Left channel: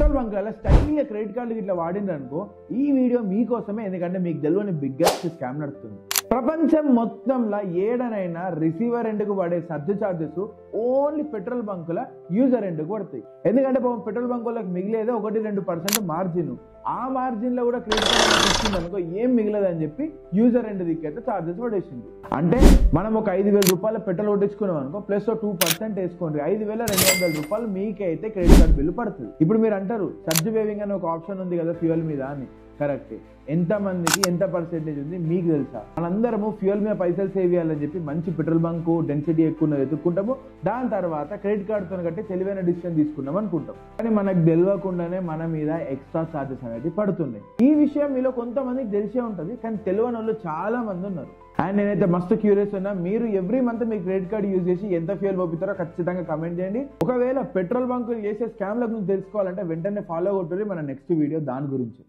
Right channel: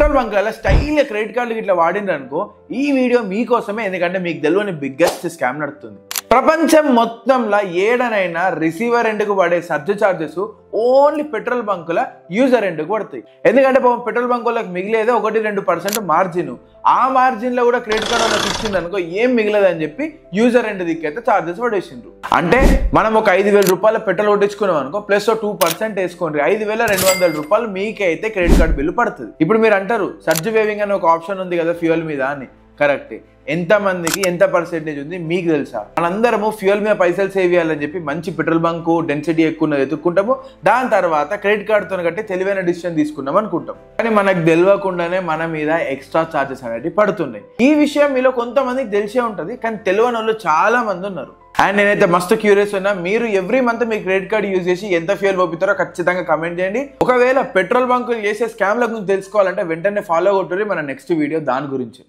Petrol బంక్లలో స్టైల్గా credit కార్డులు ఇట్లా వాడిండ్రు అనుకో, ఈ వీడియో మీకోసమే. ఎందుకంటే మీకు తెలియని బిగ్గెస్ట్ స్కామ్ నడుస్తుంది. ప్రపంచం మొత్తంలో ఏడనైనా రిసీవర్ ఎండ్కు పడే సర్జ్ ఛార్జెస్ ఓన్లీ పెట్రోల్ బంకుల యూజర్ ఎండ్కు పడతాయి. ఎందుకంటే పెట్రోల్ బంకులకు మిగిలేదే 1-2% మార్జిన్. ఆ మార్జిన్లో కూడా క్రెడిట్ కార్డు ఇచ్చింది అనుకో ఏం మిగిలేదని చెప్పి యూజర్ ఎండ్ దిక్కైతే ఛార్జెస్ పడేసిండ్రు. అంటే మనం ఒక 5,000 రూపాయల పెట్రోల్ కొట్టించుకున్నాం అనుకో, ప్లస్ 2% వేసుకోండి, 5,200 రూపాయలు మీకే అయితే క్రెడిట్ కార్డు బిల్లు పడుతుంది. ఇప్పుడు మీరు అంటారు సర్జ్ వేవింగ్ అని ఒక ఆప్షన్ ఉంది కదా ఫ్యూయల్ మీద అని. కరెక్ట్. ఎంతమందికి ఎంత పర్సెంటేజ్ ఉంది మీకు తెలుసా? మనందరము ఫ్యూయల్ మీద పైసలు సేవ్ చేయాలని చెప్పి మంచి పెట్రోల్ బంకు డెన్సిటీ ఎక్కువ ఎత్తుక్కుంటాము. దాని తర్వాత క్రెడిట్ కార్డుతో కట్టి తెలివైన డిసిషన్ తీసుకున్నాం అనుకుంటాం. కానీ మనకు తెలియకుండానే మన మీద ఎక్స్ట్రా ఛార్జెస్ అనేవి పడుతున్నాయి. ఈ విషయం మీలో కొంతమందికి తెలిసే ఉంటుంది, కానీ తెలియని వాళ్ళు చాలా మంది ఉన్నారు. అండ్ నేనైతే మస్తు క్యూరియస్ ఉన్నా, మీరు ఎవ్రీ మంత్ మీ క్రెడిట్ కార్డు యూజ్ చేసి ఎంత ఫ్యూయల్ పంపుతారో ఖచ్చితంగా కమెంట్ చేయండి. ఒకవేళ పెట్రోల్ బంకులు చేసే స్కామ్ల గురించి తెలుసుకోవాలంటే వెంటనే ఫాలో కొట్టుర్రి మన నెక్స్ట్ వీడియో దాని గురించి.